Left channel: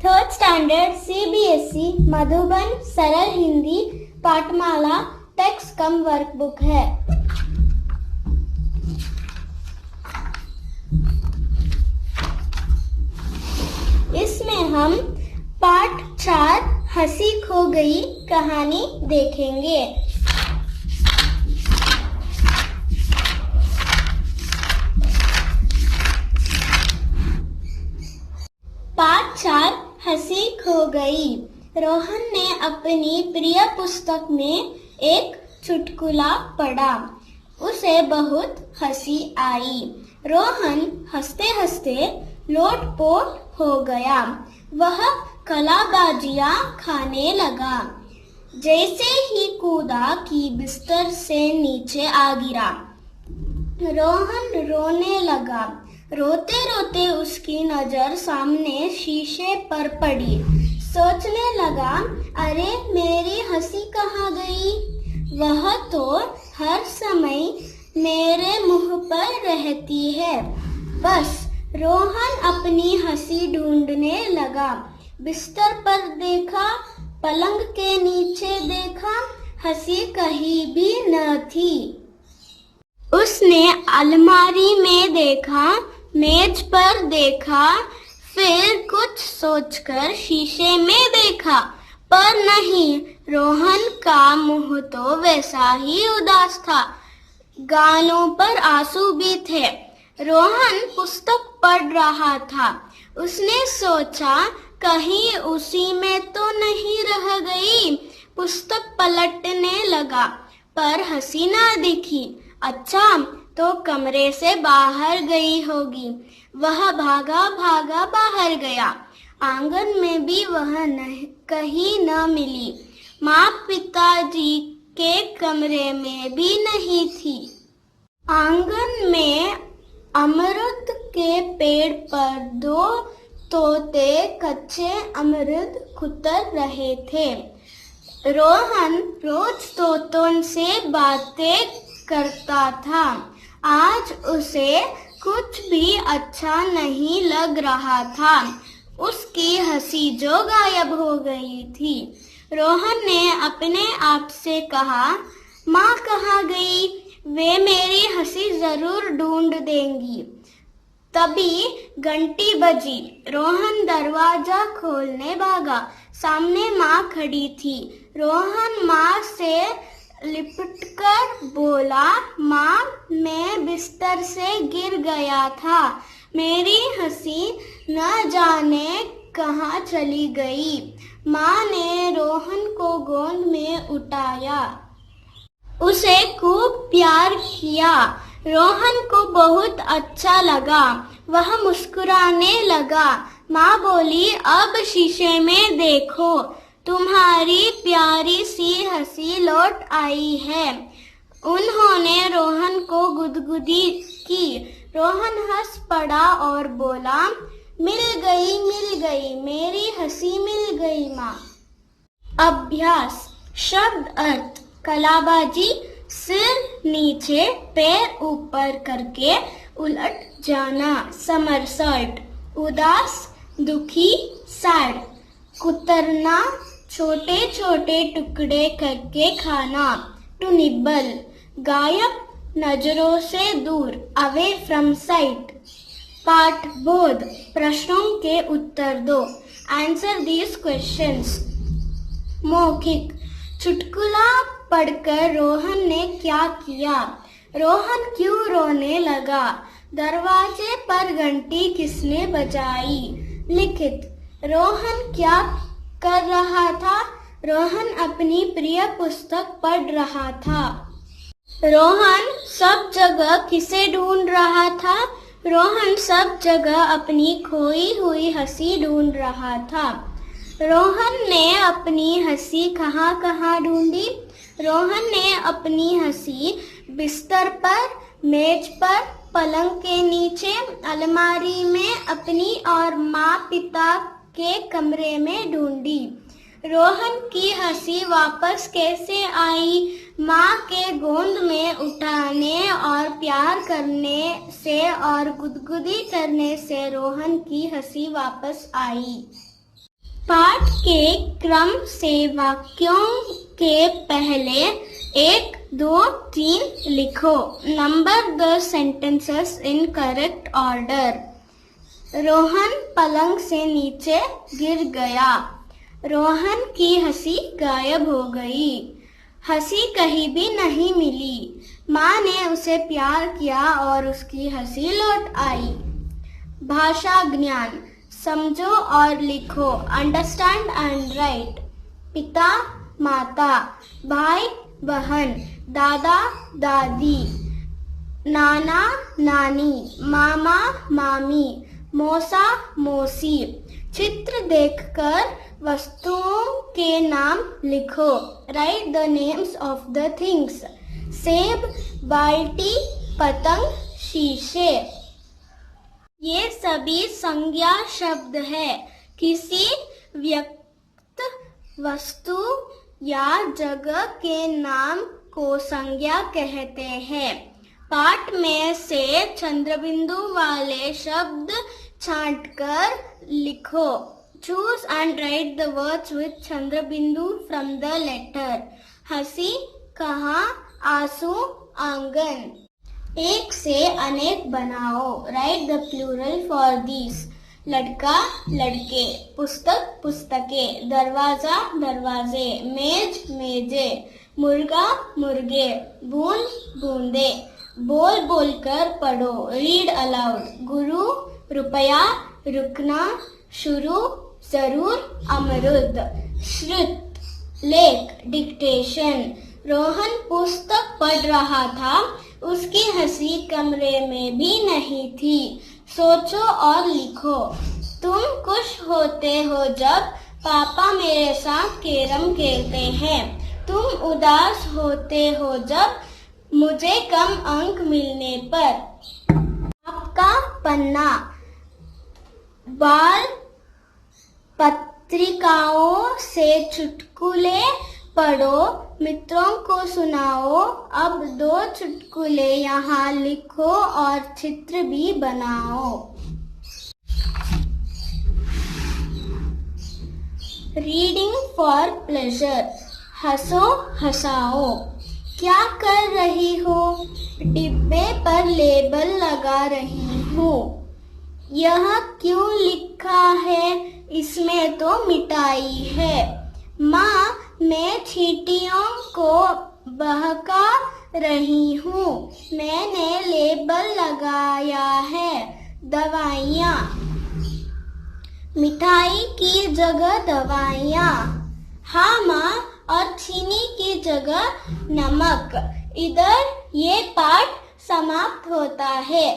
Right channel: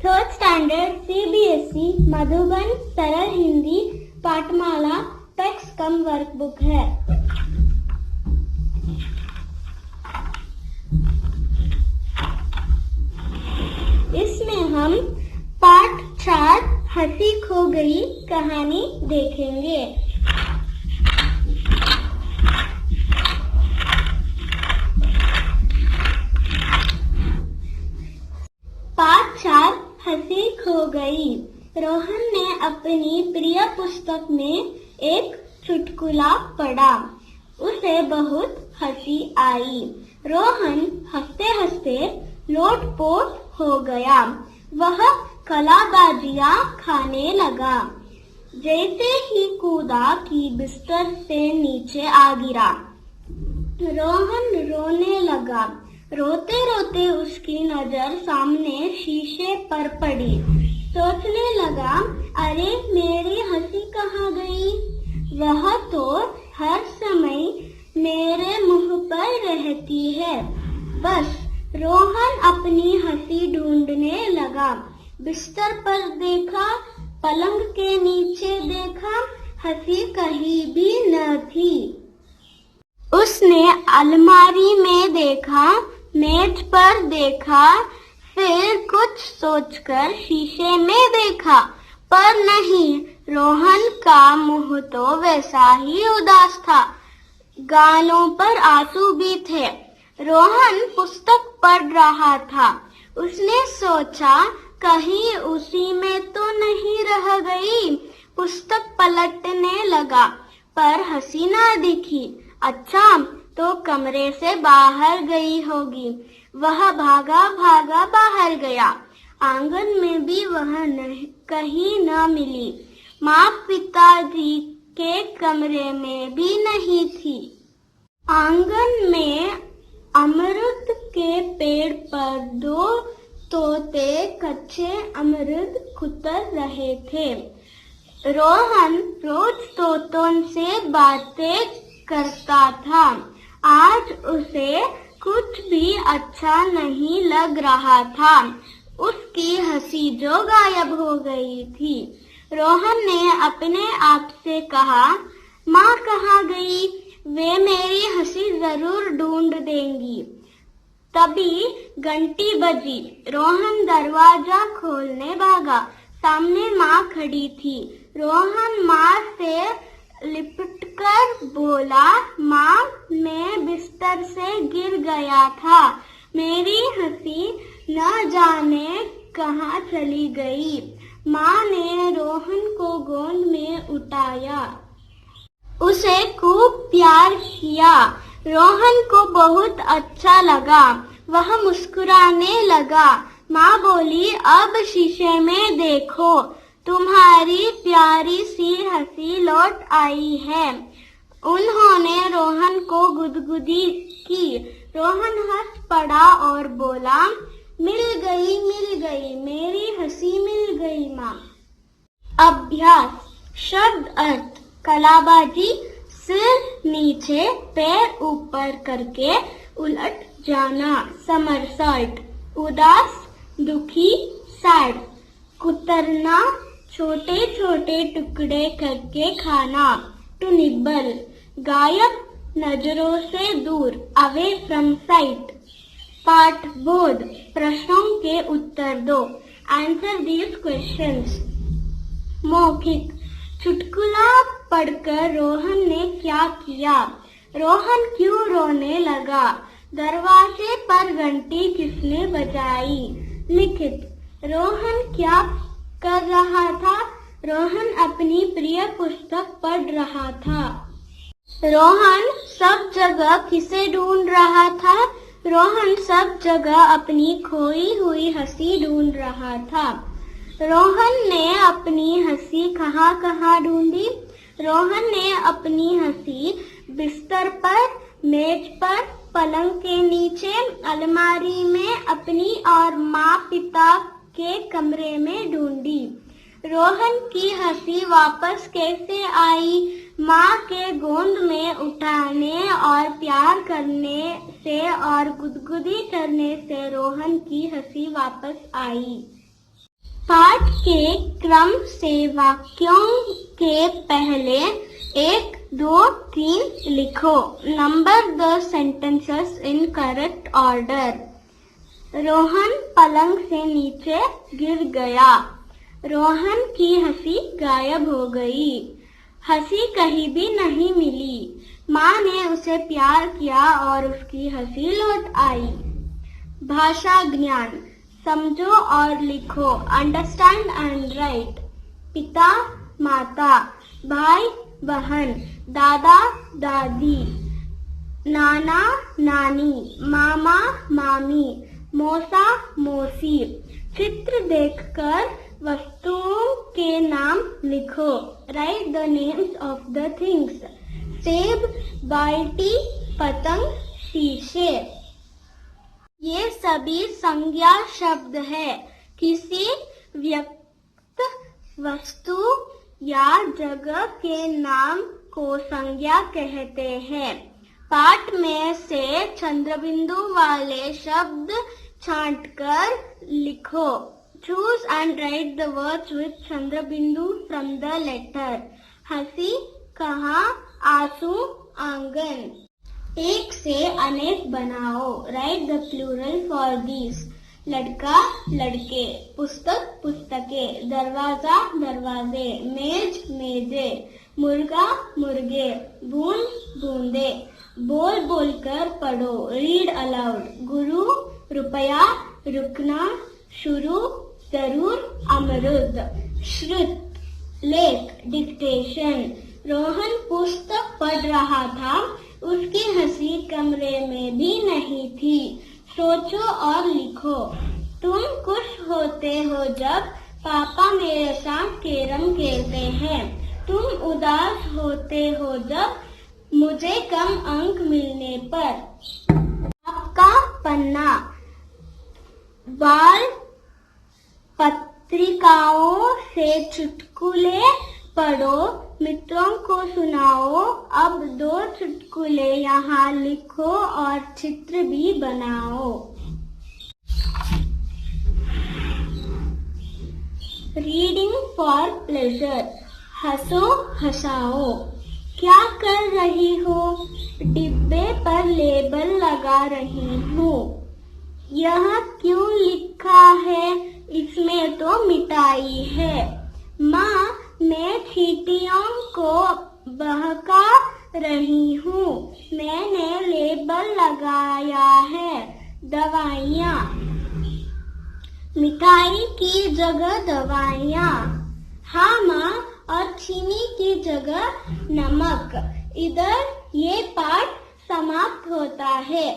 Third standard CBSE Madhuban सरल Hindi पाठमाला text कम workbook है। इसमें हम पाठ 4 हंसी खो गई कहानी देखेंगे। पाठ 4 हंसी खो गई। रोहन ने अपनी प्रिय पुस्तक में एक चुटकुला पढ़ा। उसे बहुत हंसी आई। रोहन हंसते हंसते लोटपोट हो गया। वह कलाबाजियां खाने लगा। जैसे ही कूदा कि बिस्तर से नीचे आ गिरा। रोहन रोने लगा। रोते रोते उसकी नजर सामने शीशे पर पड़ी। सोचने लगा, अरे मेरी हंसी कहाँ गई? वह तो हर समय मेरे मुंह पर रहती है। बस रोहन अपनी हंसी ढूंढने लगा। बिस्तर पर देखा, पलंग के नीचे देखा, हंसी कहीं भी न थी। उसने अलमारी में देखा, मेज पर देखा, फिर कुछ सोचकर शीशे में देखा, पर नहीं, रोहन का मुंह तो वैसा ही उदास था। गालों पर आंसू भी थे। रोहन पुस्तक पढ़ रहा था। उसने सोचा, कहीं उसी में तो नहीं रह गई। पुस्तक पलटने लगा, पर हंसी न दिखी। अच्छा, तो कमरे से बाहर गई होगी। वह भागा भागा बाहर गया। आंगन में भी वह कहीं न मिली। माँ पिताजी के कमरे में भी नहीं थी। आंगन में अमरूद के पेड़ पर 2 तोते कच्चे अमरूद कुतर रहे थे। रोहन रोज तोतों से बातें करता था। आज उसे कुछ भी अच्छा नहीं लग रहा था। उसकी हंसी जो गायब हो गई थी। रोहन ने अपने आप से कहा, माँ कहाँ गई? वे मेरी हंसी जरूर ढूंढ देंगी। तभी घंटी बजी। रोहन दरवाजा खोलने भागा। सामने माँ खड़ी थी। रोहन माँ से लिपटकर बोला, माँ, मैं बिस्तर से गिर गया था। मेरी हंसी न जाने कहाँ चली गई। माँ ने रोहन को गोद में उठाया। उसे खूब प्यार किया। रोहन को बहुत अच्छा लगा। वह मुस्कुराने लगा। माँ बोली, अब शीशे में देखो, तुम्हारी प्यारी सी हंसी लौट आई है। उन्होंने रोहन को गुदगुदी की। रोहन हंस पड़ा और बोला, मिल गई, मेरी हंसी मिल गई माँ। अभ्यास। शब्द अर्थ: कलाबाजी, सिर नीचे पैर ऊपर करके उलट जाना, समरसॉल्ट। उदास, दुखी, सैड। कुतरना, छोटे छोटे टुकड़े करके खाना, टू निबल। गायब, नजरों से दूर, अवे फ्रॉम साइट। पाठ बोध, प्रश्नों के उत्तर दो, आंसर दीज क्वेश्चंस। मौखिक। चुटकुला पढ़कर रोहन ने क्या किया? रोहन क्यों रोने लगा? दरवाजे पर घंटी किसने बजाई? लिखित। रोहन क्या कर रहा था? रोहन अपनी प्रिय पुस्तक पढ़ रहा था। रोहन सब जगह किसे ढूंढ रहा था? रोहन सब जगह अपनी खोई हुई हंसी ढूंढ रहा था। रोहन ने अपनी हंसी कहाँ कहाँ ढूंढी? रोहन ने अपनी हंसी बिस्तर पर, मेज पर, पलंग के नीचे, अलमारी में, अपनी और माँ पिता के कमरे में ढूंढी। रोहन की हंसी वापस कैसे आई? माँ के गोद में उठाने और प्यार करने से और गुदगुदी करने से रोहन की हंसी वापस आई। पाठ के क्रम से वाक्यों के पहले 1, 2, 3 लिखो। Number the sentences in correct order. Rohan पलंग से नीचे गिर गया। रोहन की हंसी गायब हो गई। हंसी कहीं भी नहीं मिली। माँ ने उसे प्यार किया और उसकी हंसी लौट आई। भाषा ज्ञान, समझो और लिखो। Understand and right. पिता माता, भाई बहन, दादा दादी, नाना नानी, मामा मामी, मौसा मौसी। चित्र देखकर वस्तुओं के नाम लिखो। Right the names of the things. सेब, बाल्टी, पतंग, शीशे। ये सभी संज्ञा शब्द है। किसी व्यक्ति, वस्तु या जगह के नाम को संज्ञा कहते हैं। पाठ में से चंद्रबिंदु वाले शब्द छांटकर लिखो। Choose and write the words with चंद्रबिंदु from the letter। हंसी, कहाँ, आंसू, आंगन। एक से अनेक बनाओ। Write the plural for these। लड़का लड़के, पुस्तक पुस्तकें, दरवाजा दरवाजे, मेज मेजे, मुर्गा मुर्गे, बूंद बूंदे। बोल बोलकर पढ़ो। Read aloud. गुरु, रुपया, रुकना, शुरू, जरूर, अमरुद। श्रुत, लेख, डिक्टेशन। रोहन पुस्तक पढ़ रहा था। उसकी हंसी कमरे में भी नहीं थी। सोचो और लिखो। तुम खुश होते हो जब पापा मेरे साथ कैरम खेलते हैं। तुम उदास होते हो जब मुझे कम अंक मिलने पर। आपका पन्ना, बाल पत्रिकाओं से चुटकुले पढ़ो, मित्रों को सुनाओ। अब 2 चुटकुले यहाँ लिखो और चित्र भी बनाओ। Reading for pleasure. हंसो हंसाओ। क्या कर रही हो? डिब्बे पर लेबल लगा रही हूँ। यह क्यों लिखा है? इसमें तो मिठाई है। माँ, मैं चींटियों को बहका रही हूँ। मैंने लेबल लगाया है। दवाइयाँ, मिठाई की जगह दवाइयाँ। हाँ माँ, और चीनी की जगह नमक। इधर ये पाठ समाप्त होता है।